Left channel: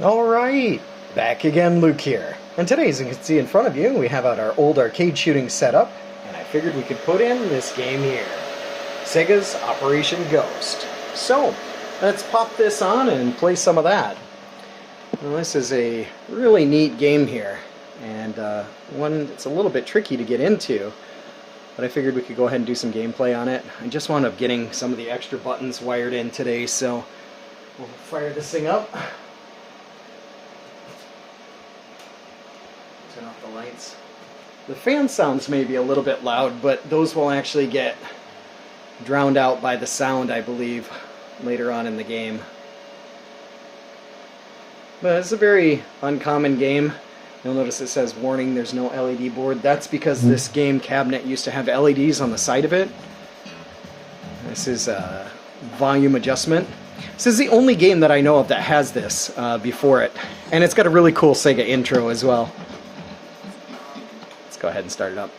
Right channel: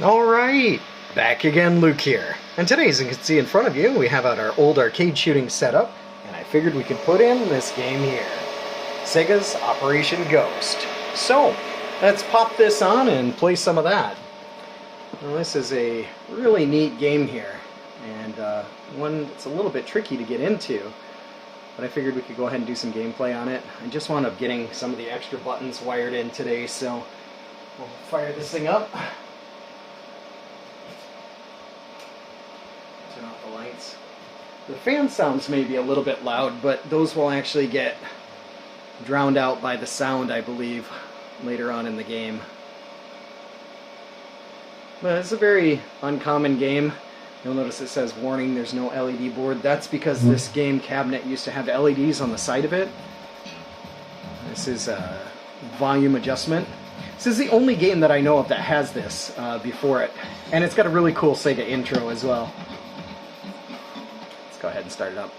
Alright, back again, Luke here. And today, as you can see in front of you, we have out our old arcade shooting setup, and I figured we could put in this game here. Sega's Operation G.H.O.S.T. So, let's pop this on and play some of that. Well, this is a really neat game here, and one that's a little bit tricky to get into, but I figured we could go ahead and do some gameplay on it. I just wound up getting some of the extra buttons wired in today, so we'll fire this thing up. Turn off the lights. The fan sounds may be a little bit loud, but those will actually get drowned out by the sound, I believe, later on in the game. But it's a very uncommon game. You'll notice it says warning, there's no LED board. That's because this game cabinet used to have LEDs on the side of it. This is a volume adjustment. This is the only game that I know of that has this before it. And it's got a really cool Sega intro as well. Let's go ahead and start it up.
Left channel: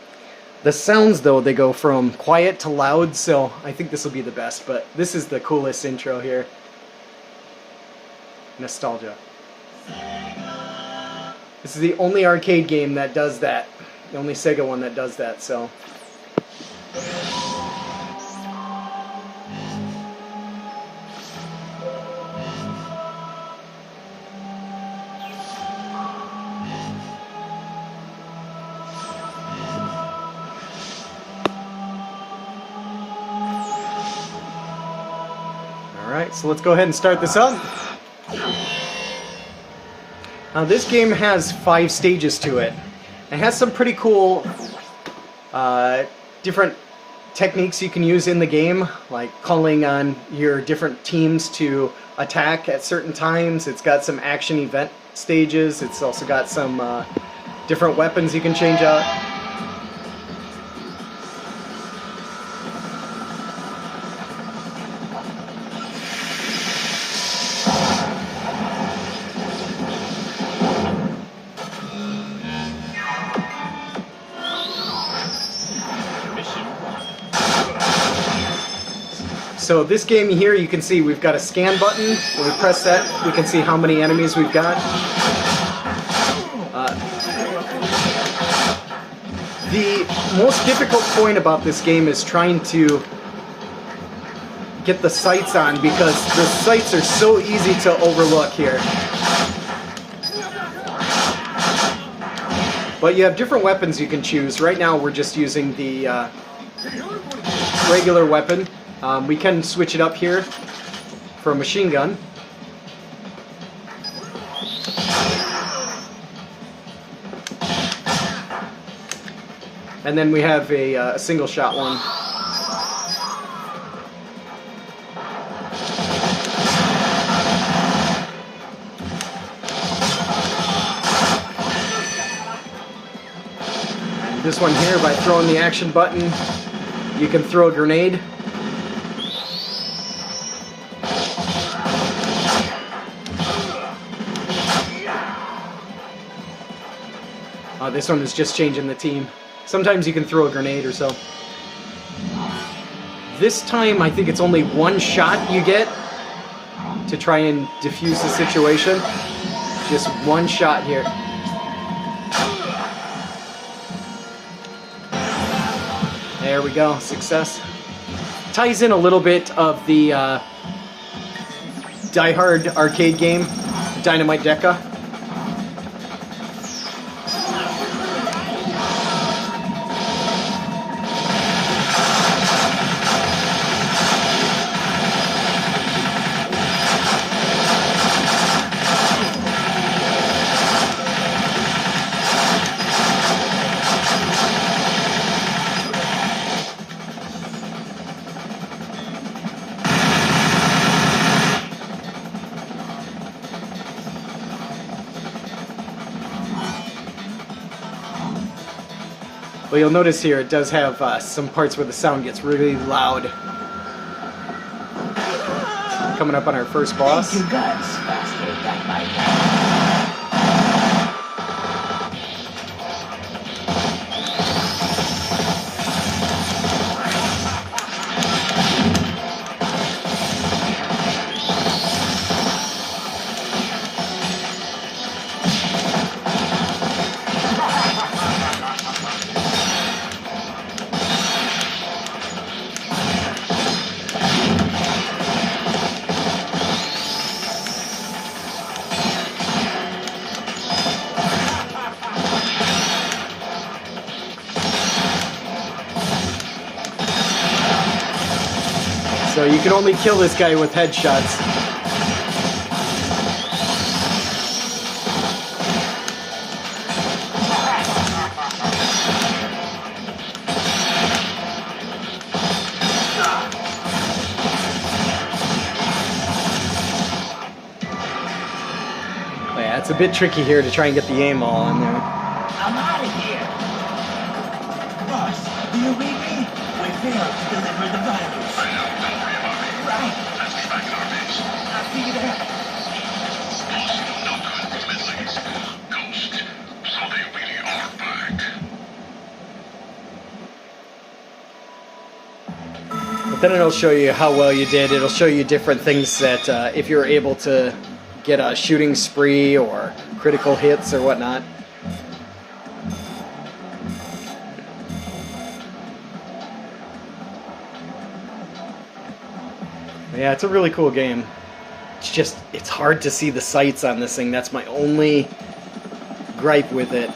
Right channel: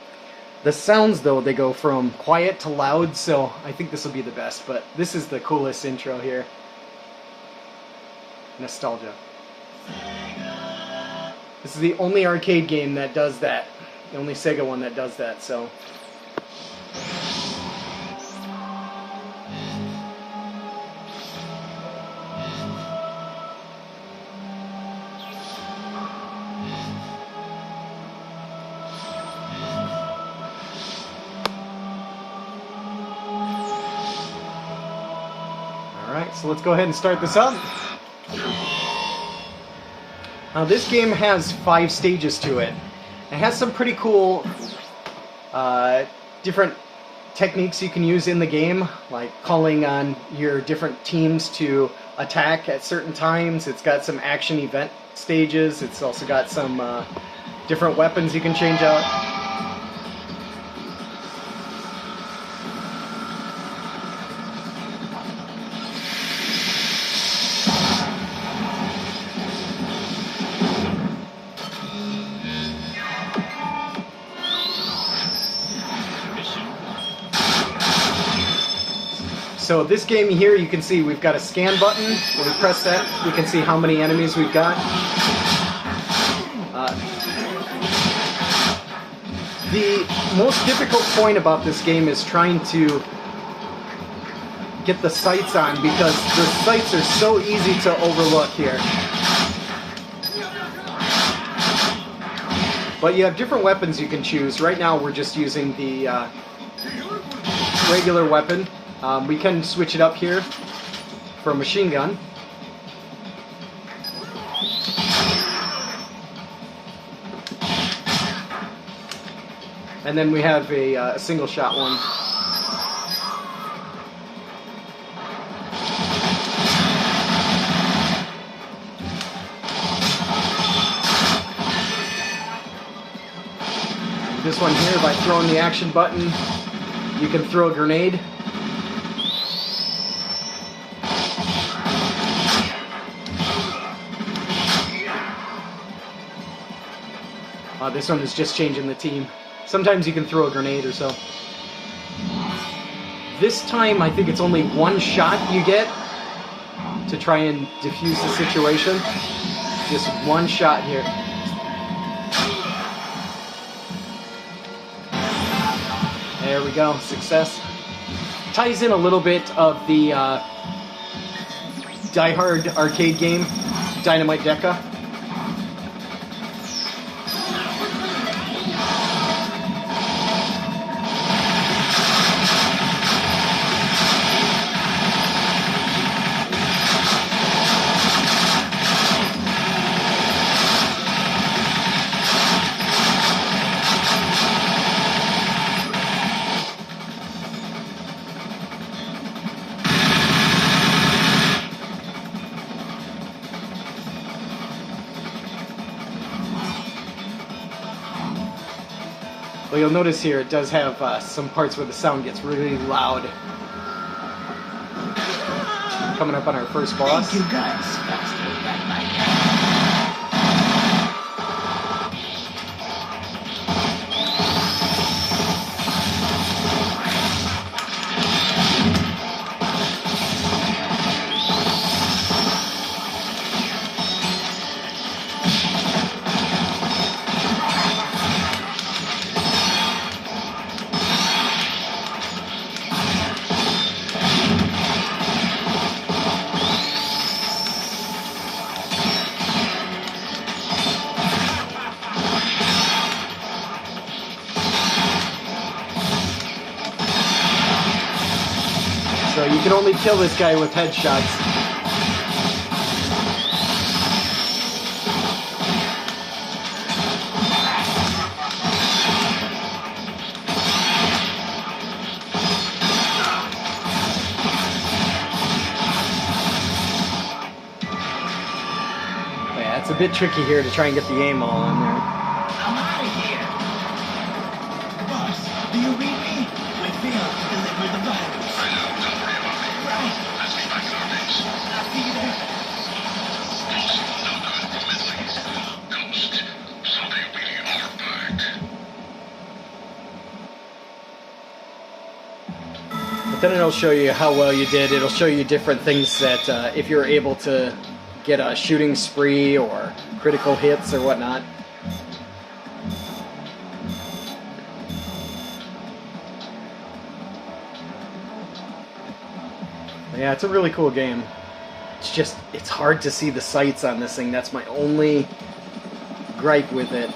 The sounds, though, they go from quiet to loud, so I think this will be the best. But this is the coolest intro here. Nostalgia. This is the only arcade game that does that. The only Sega one that does that, so. Alright, so let's go ahead and start this up. Now this game has 5 stages to it. It has some pretty cool different techniques you can use in the game, like calling on your different teams to attack at certain times. It's got some action event stages. It's also got some different weapons you can change out. So this game here, you can see we've got a scan button. When we press that, we can see how many enemies we've got. The most difficult point about this game is trying to get the sights on, because the sights are so easy to overlook here. But you have different weapons you can choose. Right now we're just using the regular weapon. We can switch it up here for a machine gun. And then we have a single shot one. And this one here, by throwing the action button, you can throw a grenade. This one is just changing the team. Sometimes you can throw a grenade or so. This time, I think it's only one shot you get to try and defuse the situation. Just one shot here. There we go, success. Ties in a little bit of the Die Hard arcade game, Dynamite Deca. Well, you'll notice here it does have some parts where the sound gets really loud. Coming up on our first boss. Thank you guys, faster than my So you can only kill this guy with headshots. Yeah, it's a bit tricky here to try and get the aim all on there. I'm out of here. Boss, do you read me? We failed to deliver the bones. I'll see you there. But then it'll show you how well you did. It'll show you different things that if you're able to get a shooting spree or critical hits or whatnot. Yeah, it's a really cool game. It's just, it's hard to see the sights on this thing. That's my only gripe with it.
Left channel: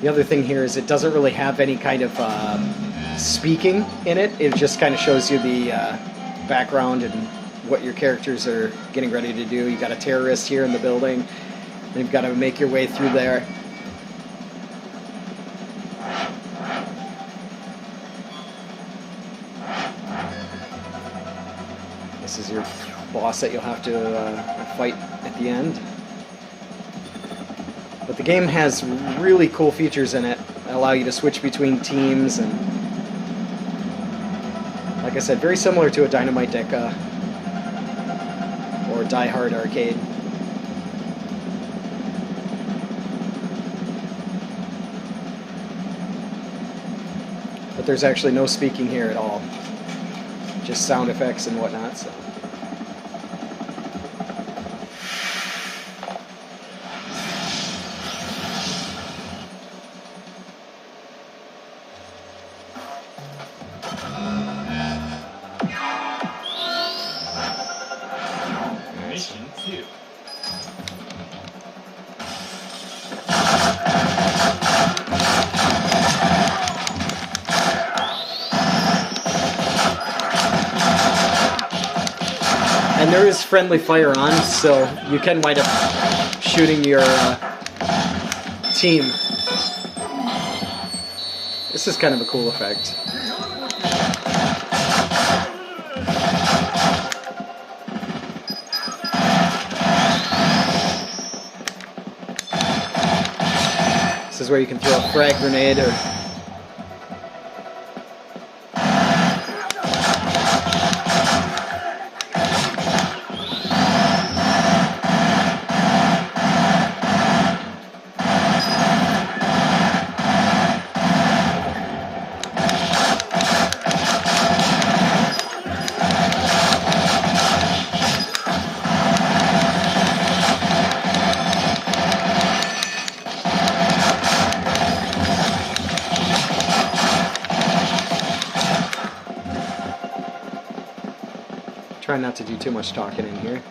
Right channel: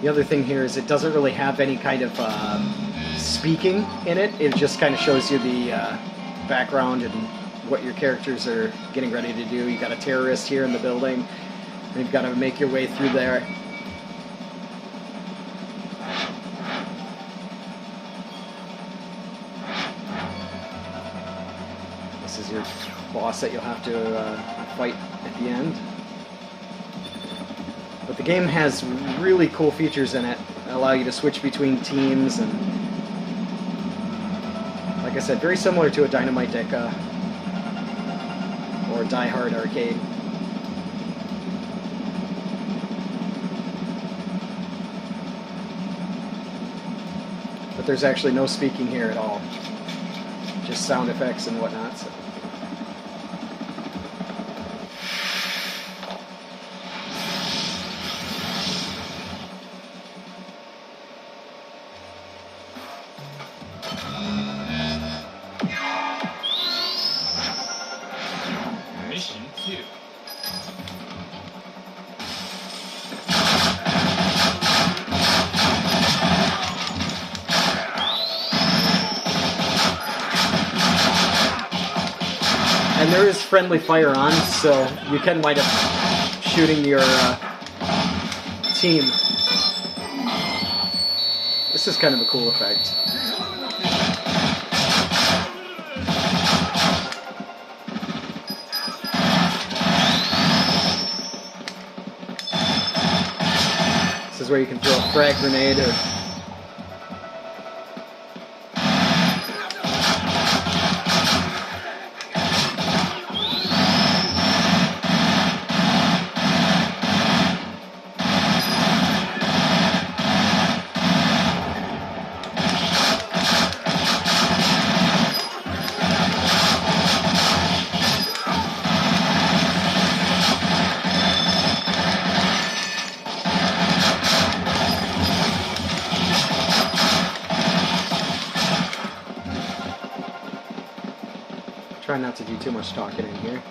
The other thing here is it doesn't really have any kind of speaking in it. It just kind of shows you the background and what your characters are getting ready to do. You've got a terrorist here in the building, and you've got to make your way through there. This is your boss that you'll have to fight at the end. But the game has really cool features in it that allow you to switch between teams, and like I said, very similar to a Dynamite Deca or Die Hard arcade. But there's actually no speaking here at all, just sound effects and whatnot. So. Mission 2. And there is friendly fire on, so you can wind up shooting your team. This is kind of a cool effect. This is where you can throw a frag grenade or... Try not to do too much talking in here.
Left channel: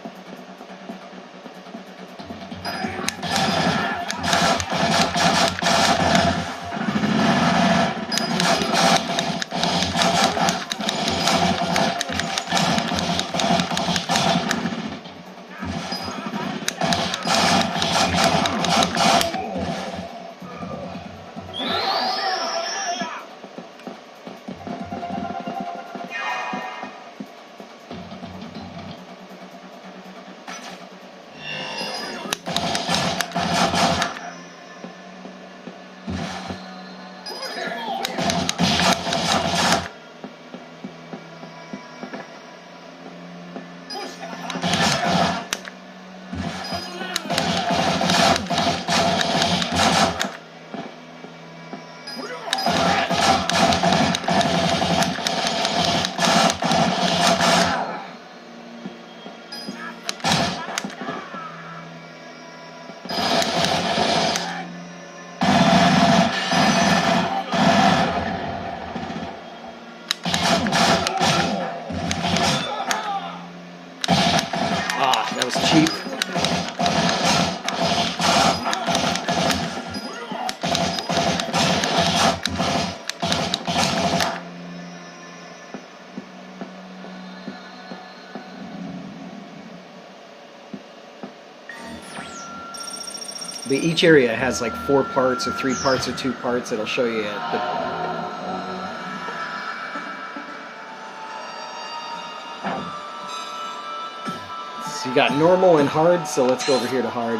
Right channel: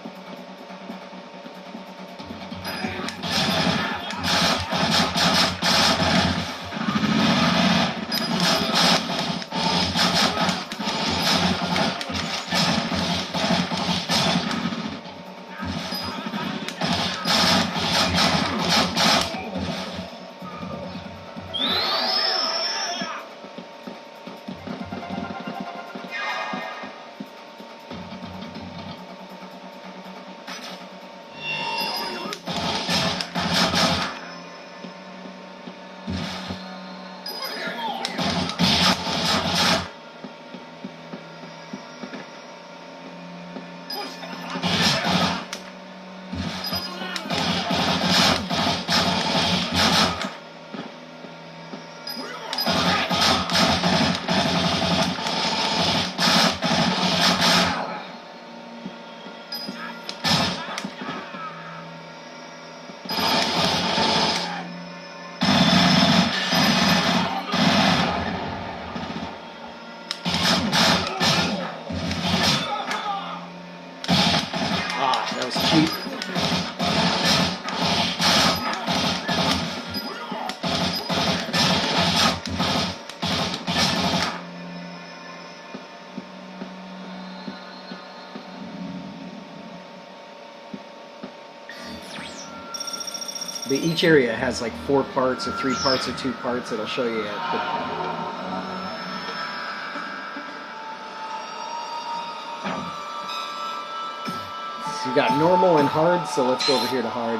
Each area has like 4 parts or 3 parts or 2 parts. It'll show you it. So you got normal and hard, so let's go over here to hard.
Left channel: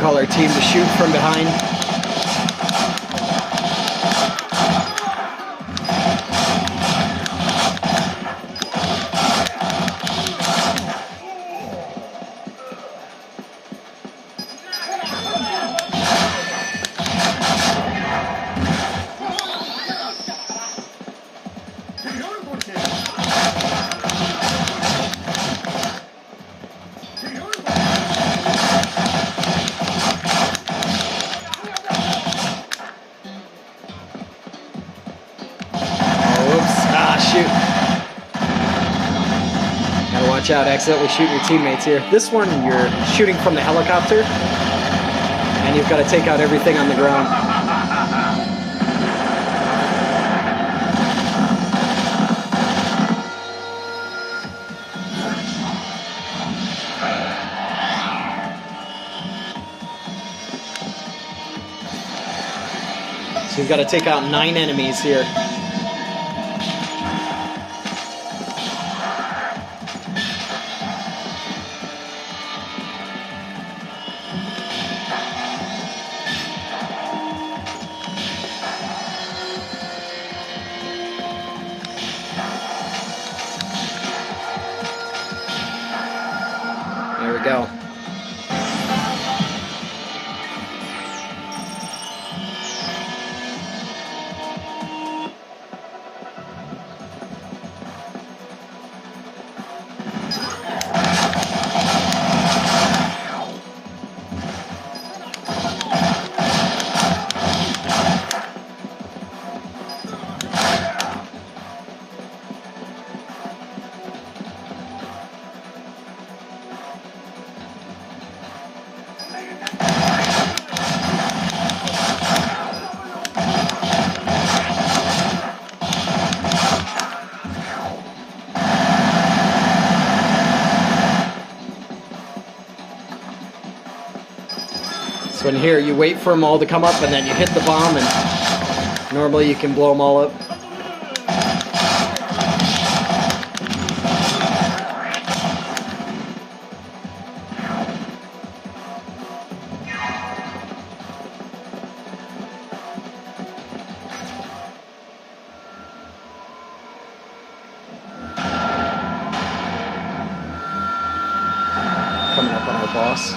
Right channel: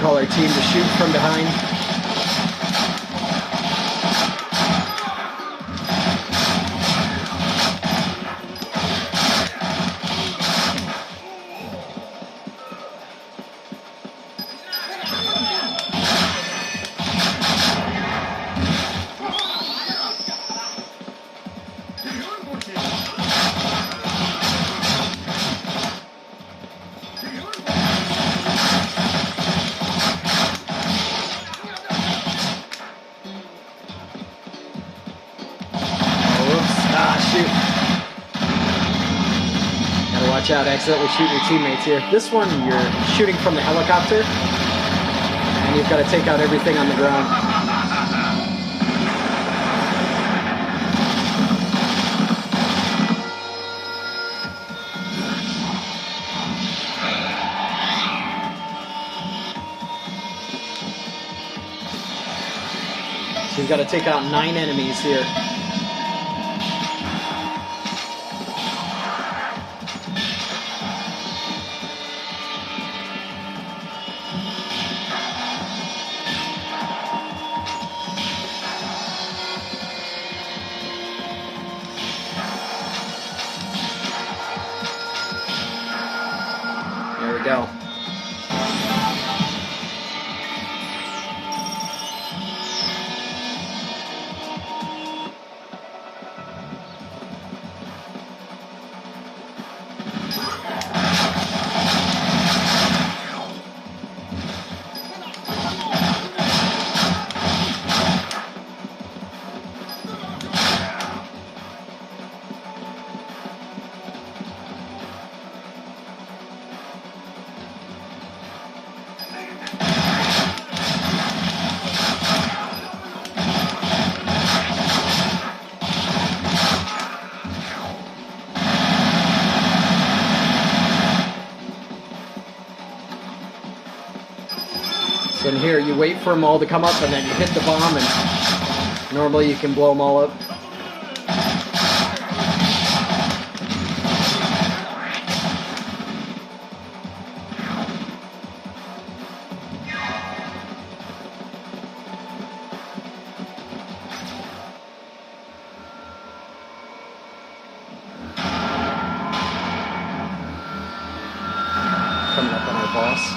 Call our team to shoot from behind. Watch out, accidentally shooting your teammates here. This one, you're shooting from the helicopter, and you've got to take out everything on the ground. So you've got to take out 9 enemies here. There we go. So in here, you wait for them all to come up, and then you hit the bomb, and normally you can blow them all up. Coming up on our boss.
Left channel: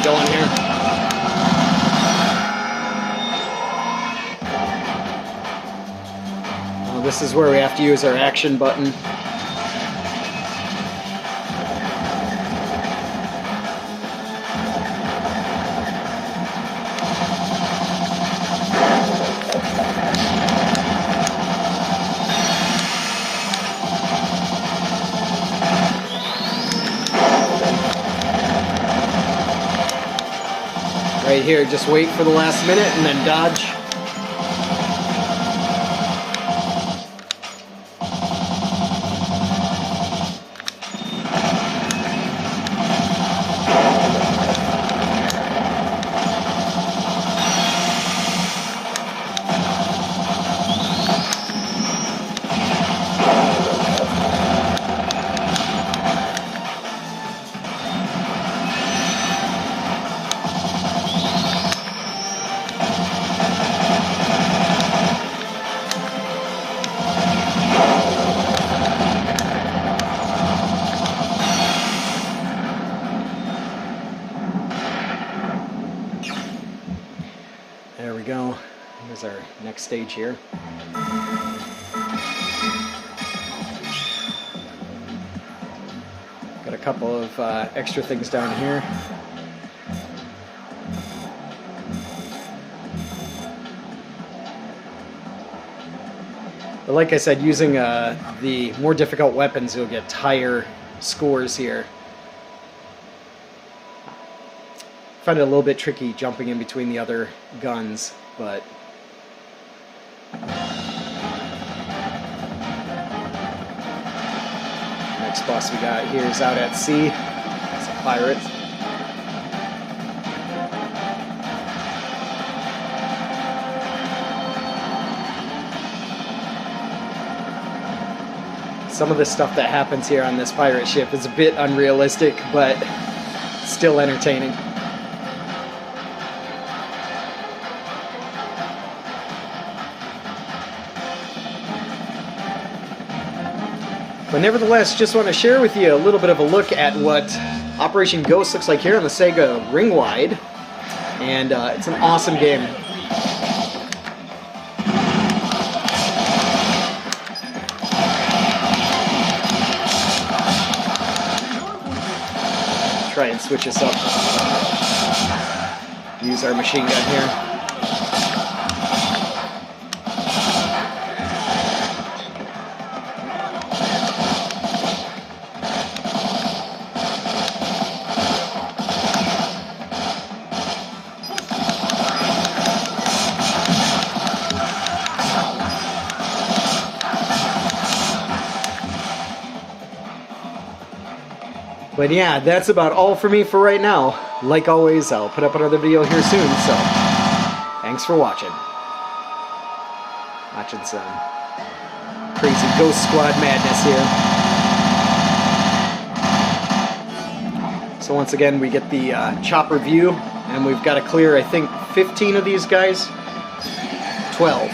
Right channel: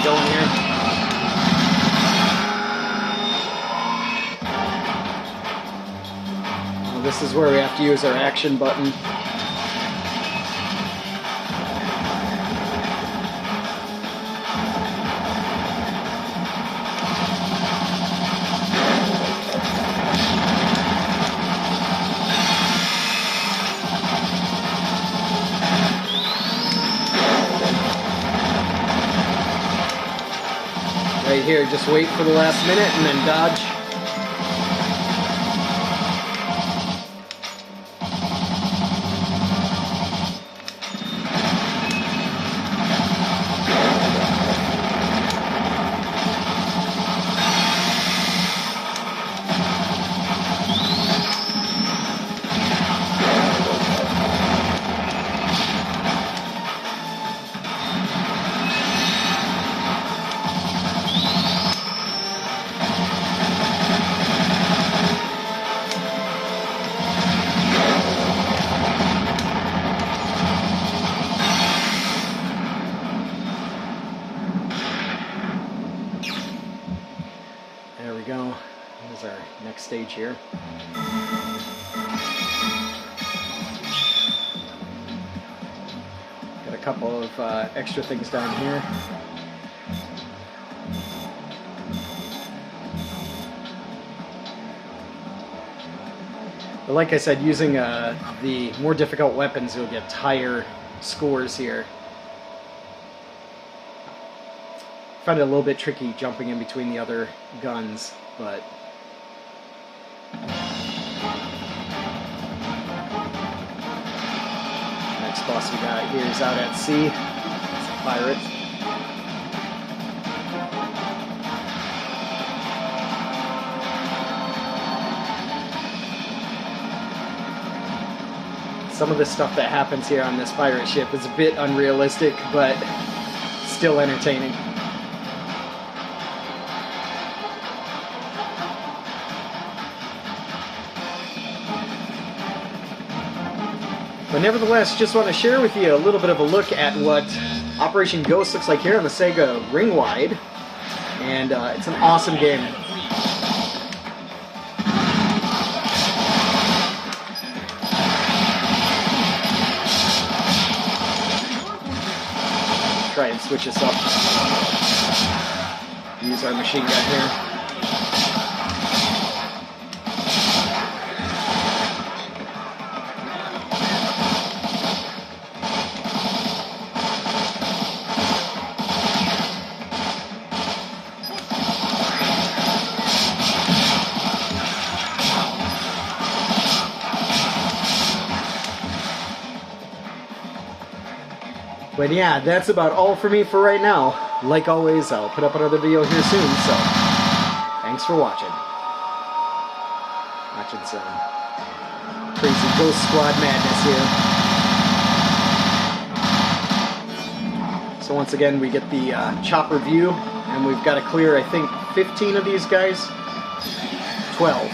Going here. Now this is where we have to use our action button. Right here, just wait for the last minute and then dodge. There we go. Here's our next stage here. Got a couple of extra things down here. But like I said, using the more difficult weapons, you'll get higher scores here. I find it a little bit tricky jumping in between the other guns, but next boss we got here is out at sea. It's a pirate. Some of the stuff that happens here on this pirate ship is a bit unrealistic, but still entertaining. But nevertheless, just want to share with you a little bit of a look at what Operation G.H.O.S.T looks like here on the Sega Ringwide. And it's an awesome game. Try and switch this up. Use our machine gun here. But yeah, that's about all for me for right now. Like always, I'll put up another video here soon, so thanks for watching. Watching some crazy Ghost Squad madness here. So once again, we get the chopper view, and we've got to clear, I think, 15 of these guys? 12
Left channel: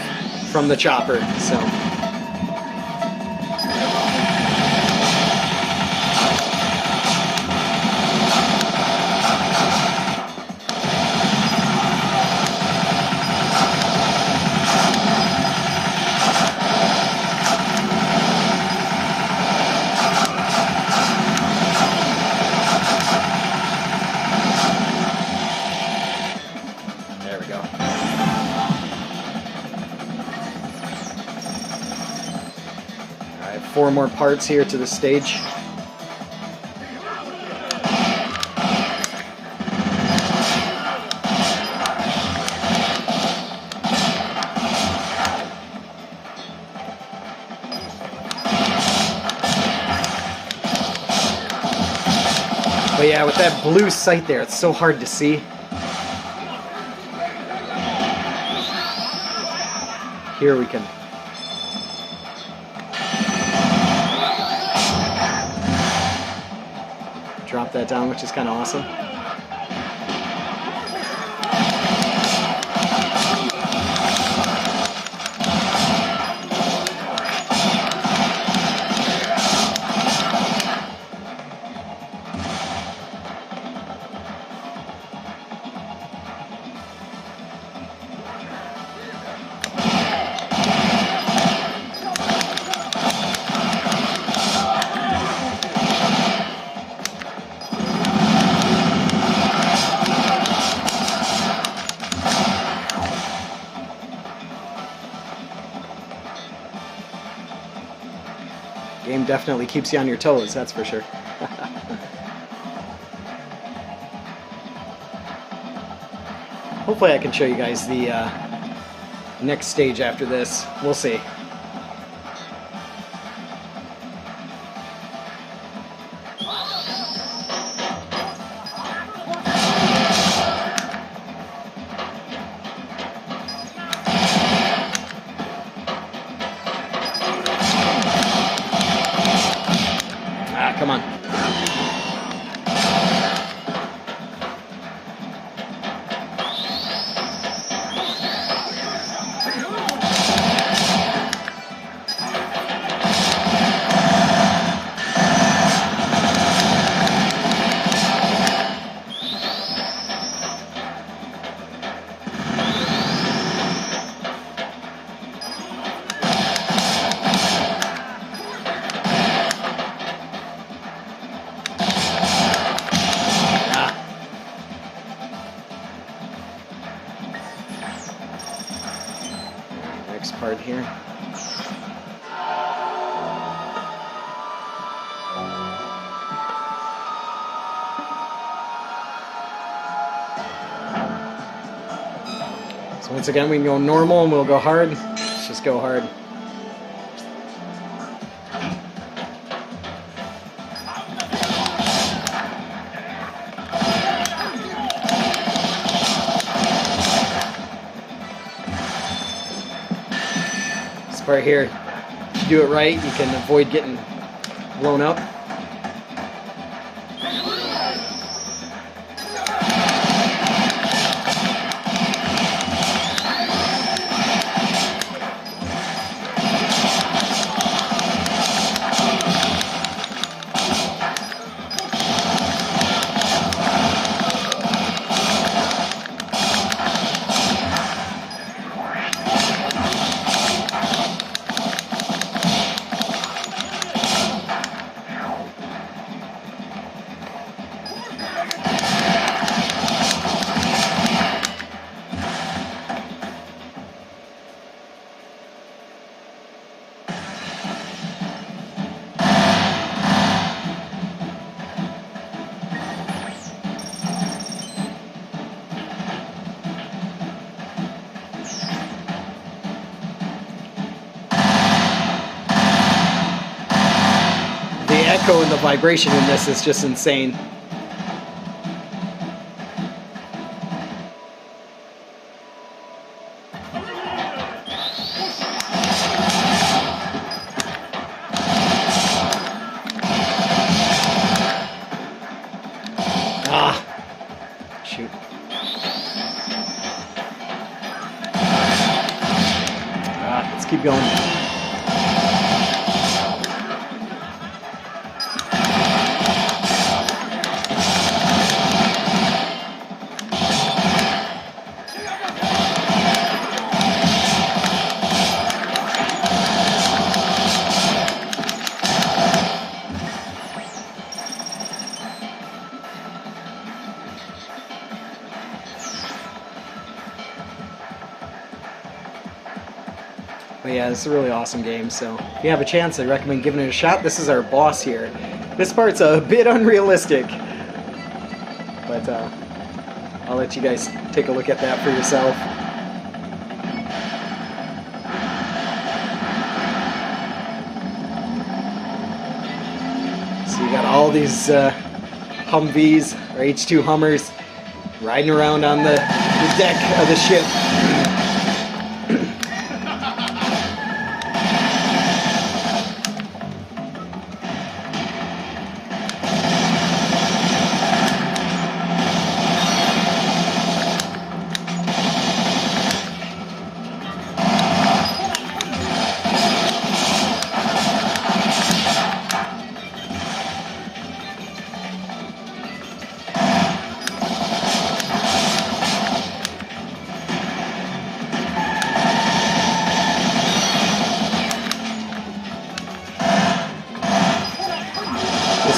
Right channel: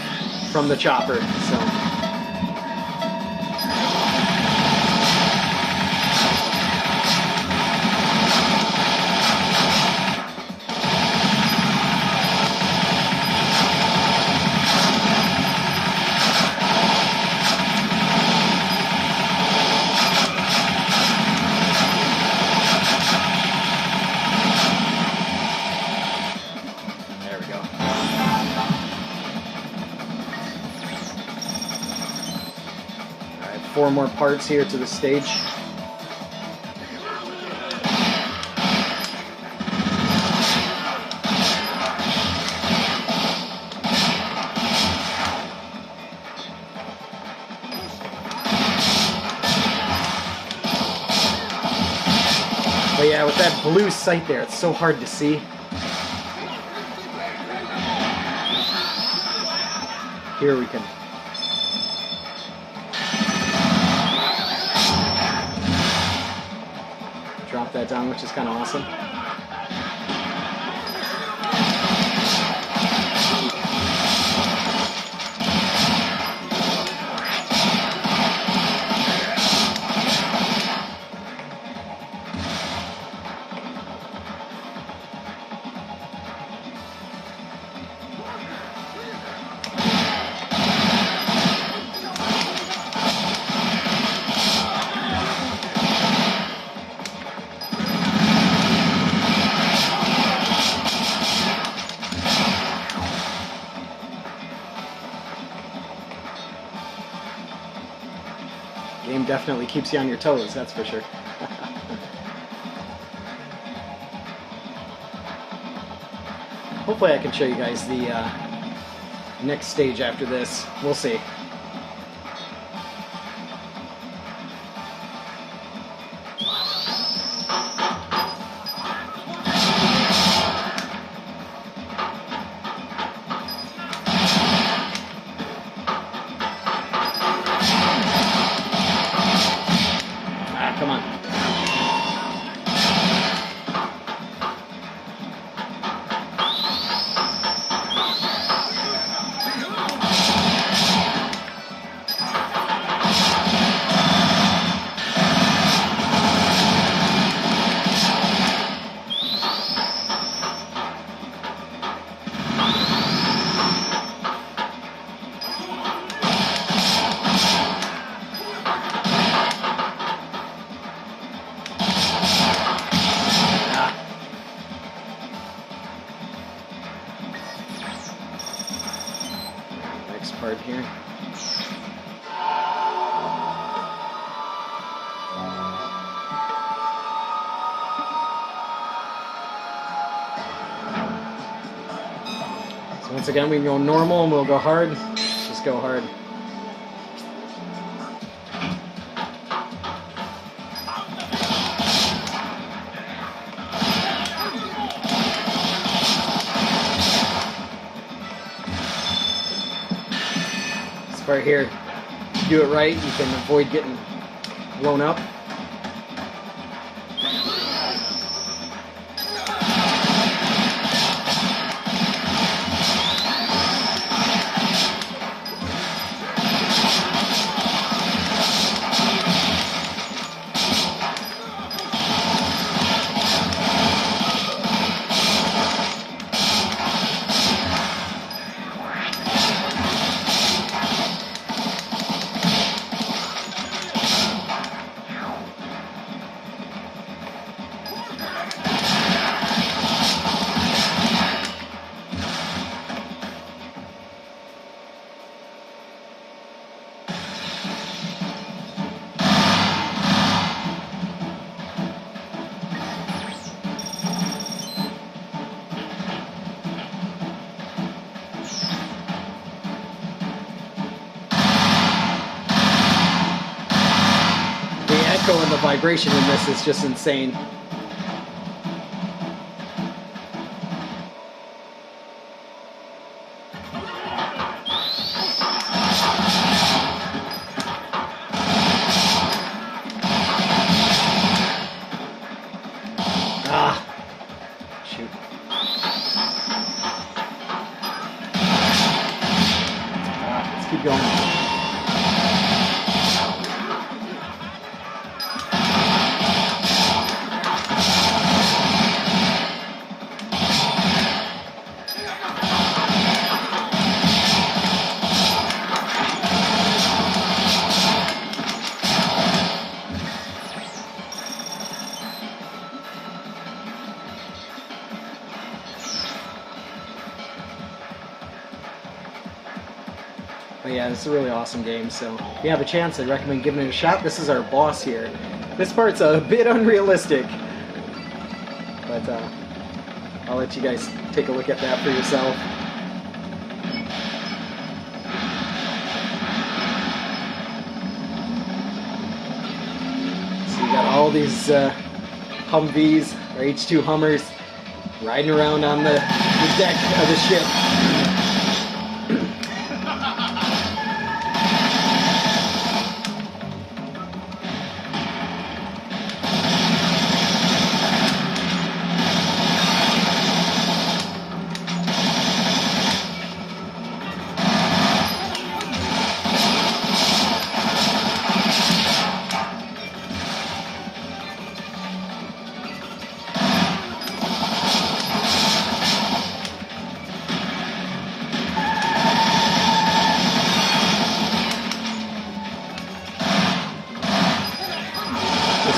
from the chopper, so... Four more parts here to the stage. But yeah, with that blue sight there, it's so hard to see. Here we can drop that down, which is kind of awesome. Game definitely keeps you on your toes, that's for sure. Hopefully I can show you guys the next stage after this. We'll see. Come on. Part here. So once again we can go normal and we'll go hard. Let's just go hard. Right here, if you do it right, you can avoid getting blown up. echo and the vibration in this is just insane. Shoot. Let's keep going. But yeah, it's a really awesome game, so if you have a chance, I recommend giving it a shot. This is our boss here. This part's a bit unrealistic, but I'll let you guys take a look at that for yourself. So you got all these Humvees, or H2 Hummers, riding around on the deck of the ship.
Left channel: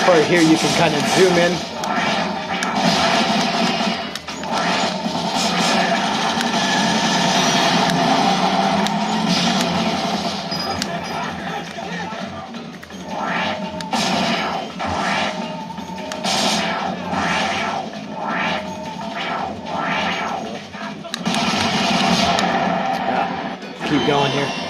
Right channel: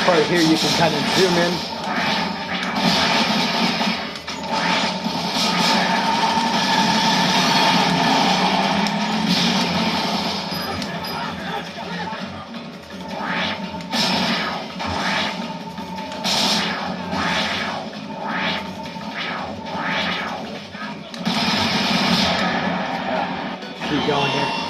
Right here you can kind of zoom in. going here.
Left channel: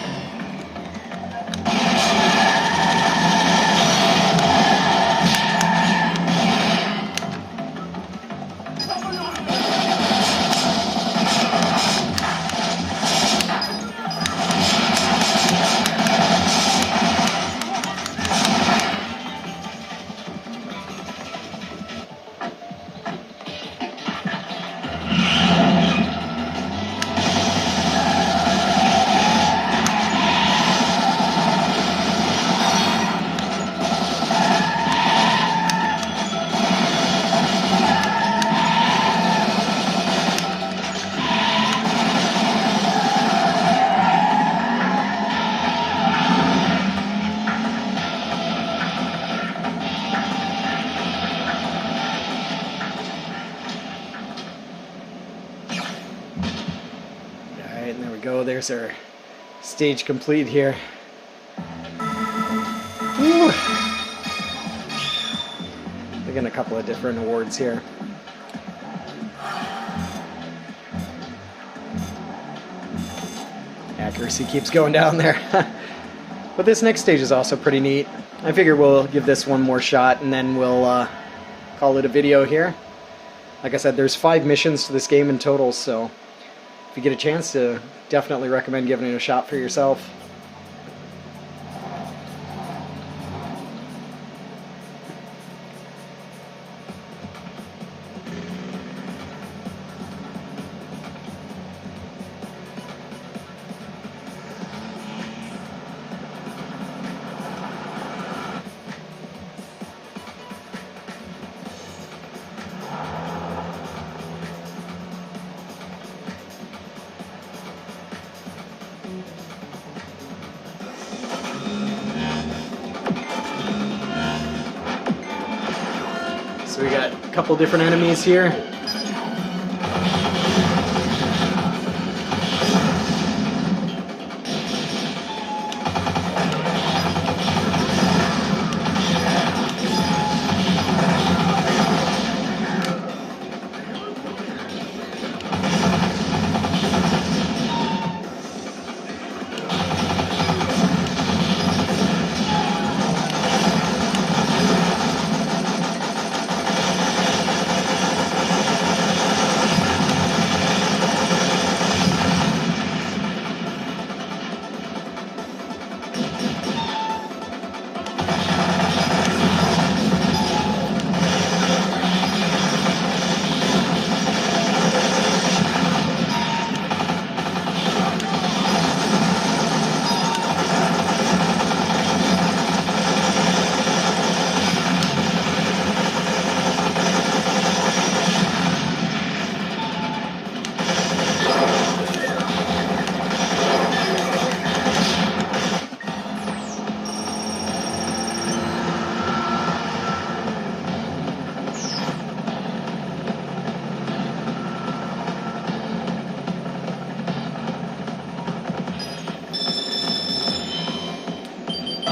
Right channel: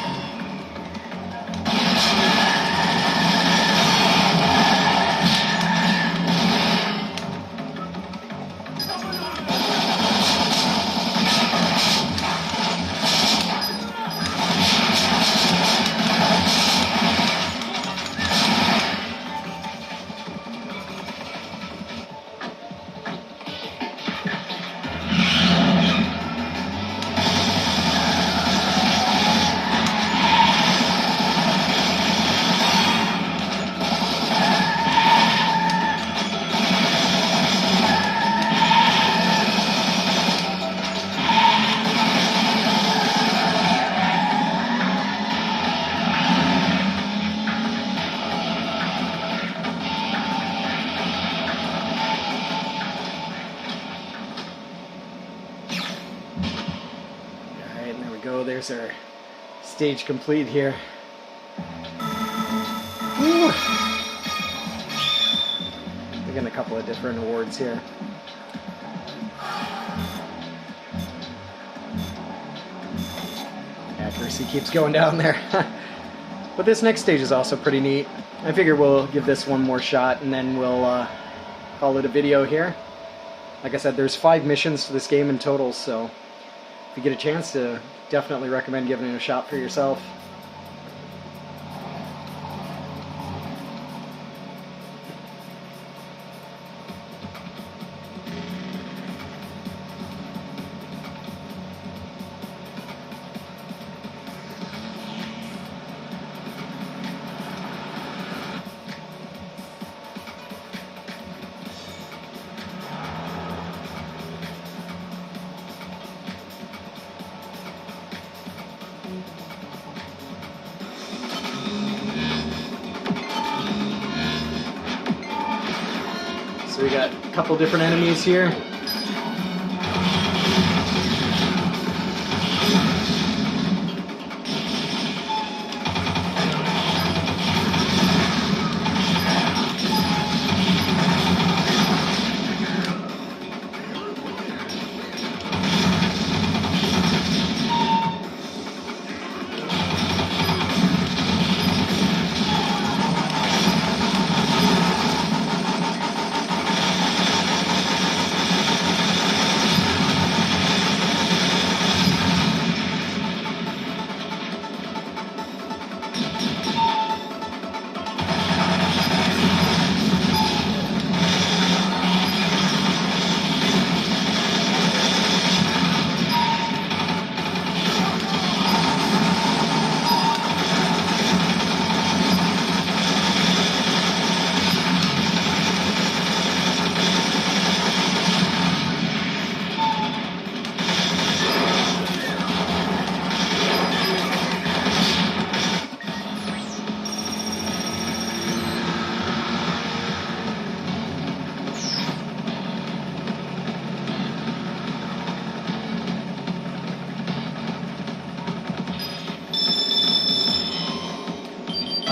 There's our stage complete here. Woo. We're getting a couple of different awards here. Accuracy keeps going down there. But this next stage is also pretty neat. I figure we'll give this one more shot and then we'll call it a video here. Like I said, there's 5 missions to this game in total, so if you get a chance to, definitely recommend giving it a shot for yourself. So we got a couple different enemies here.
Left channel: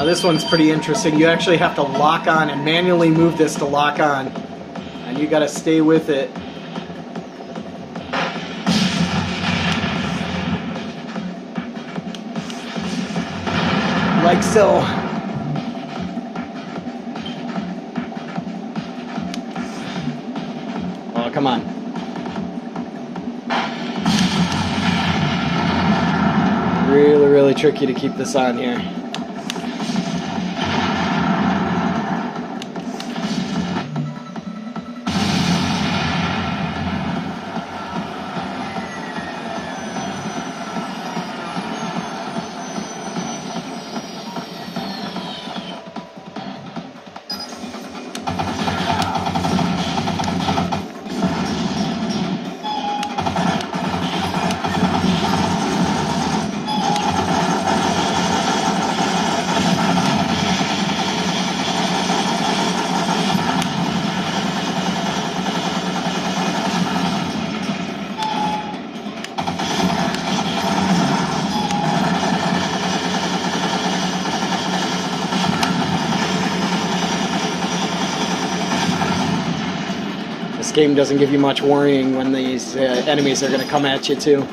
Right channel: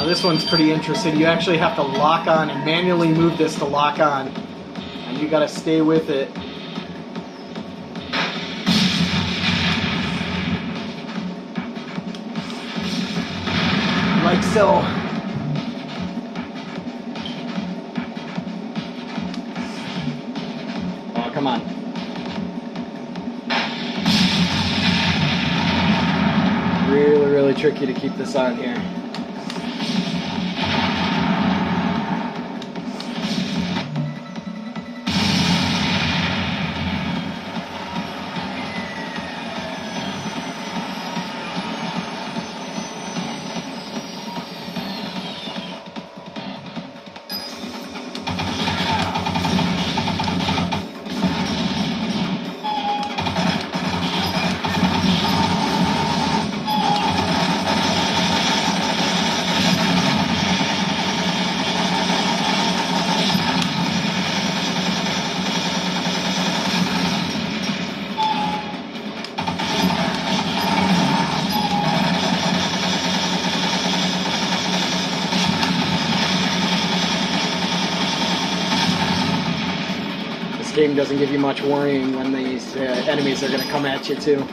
This one's pretty interesting. You actually have to lock on and manually move this to lock on. And you gotta stay with it. Like so. Oh, come on. Really, really tricky to keep this on here. Game doesn't give you much worrying when these enemies are going to come at you too.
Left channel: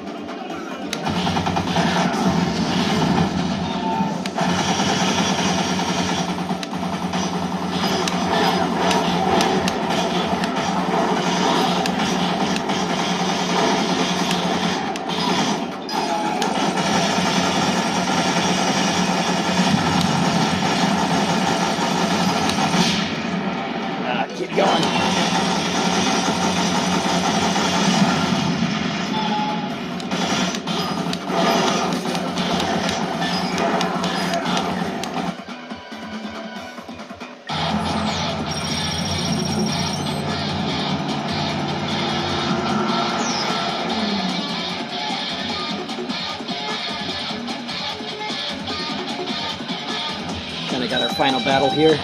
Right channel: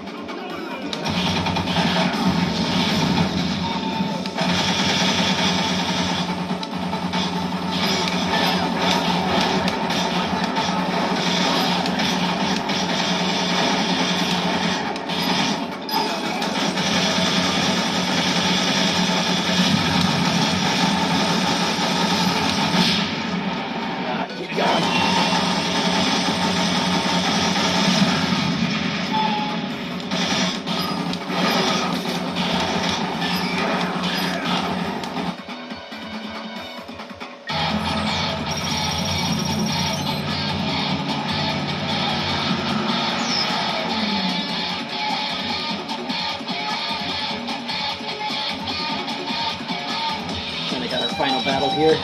final battle here.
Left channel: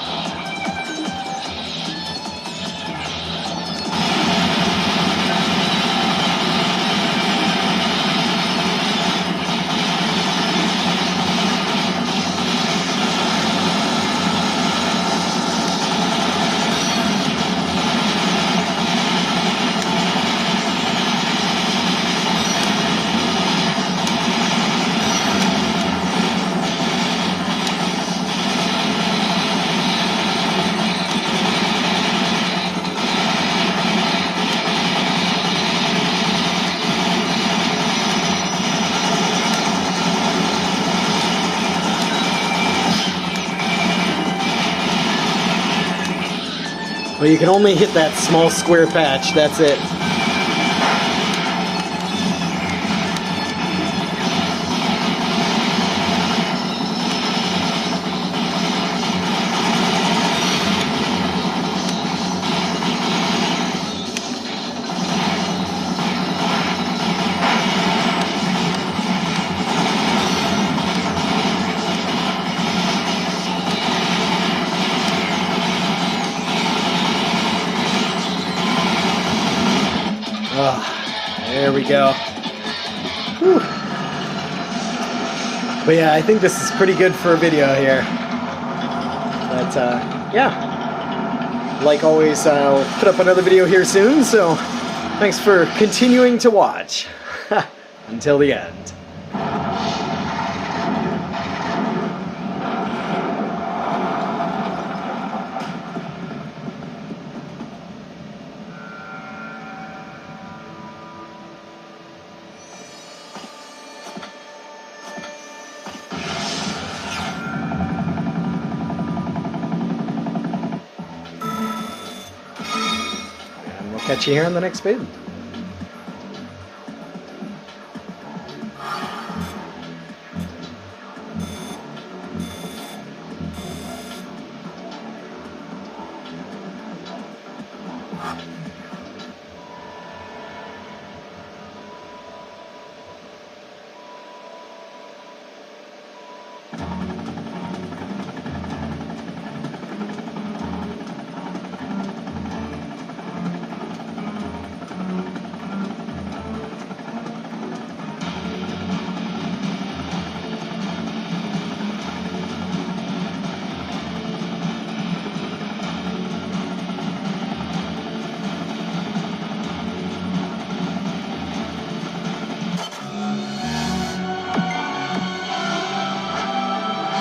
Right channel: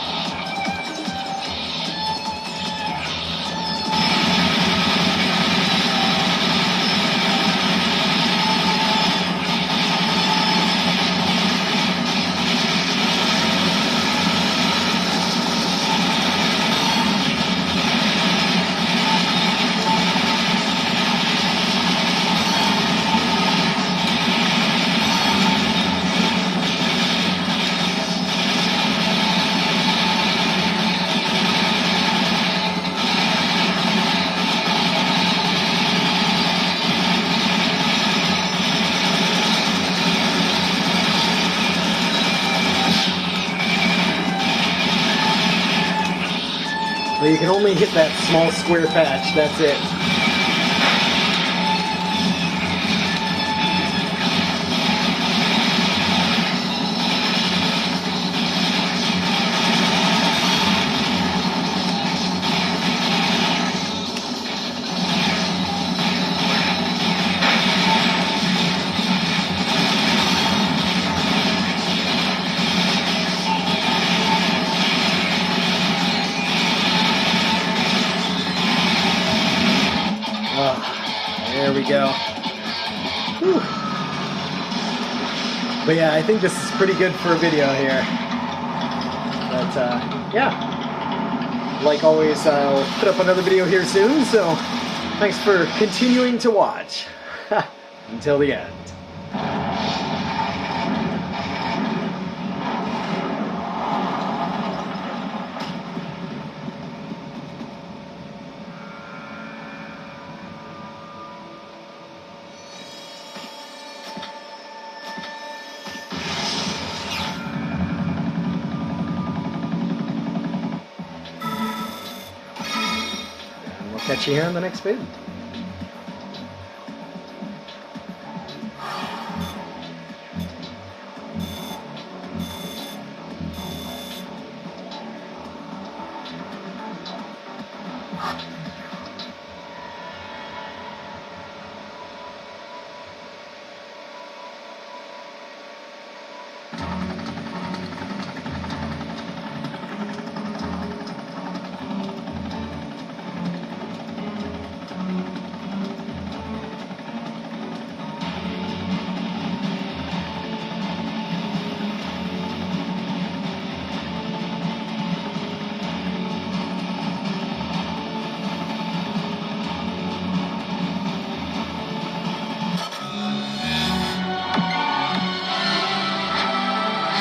Well, you can only hit that small square patch, that's it. There we go. Whew. But yeah, I think this is pretty good for a video here. But yeah, like always, I'll put up another video here soon, so thanks for continuing to watch. Until the end. Catch you here in the next vid.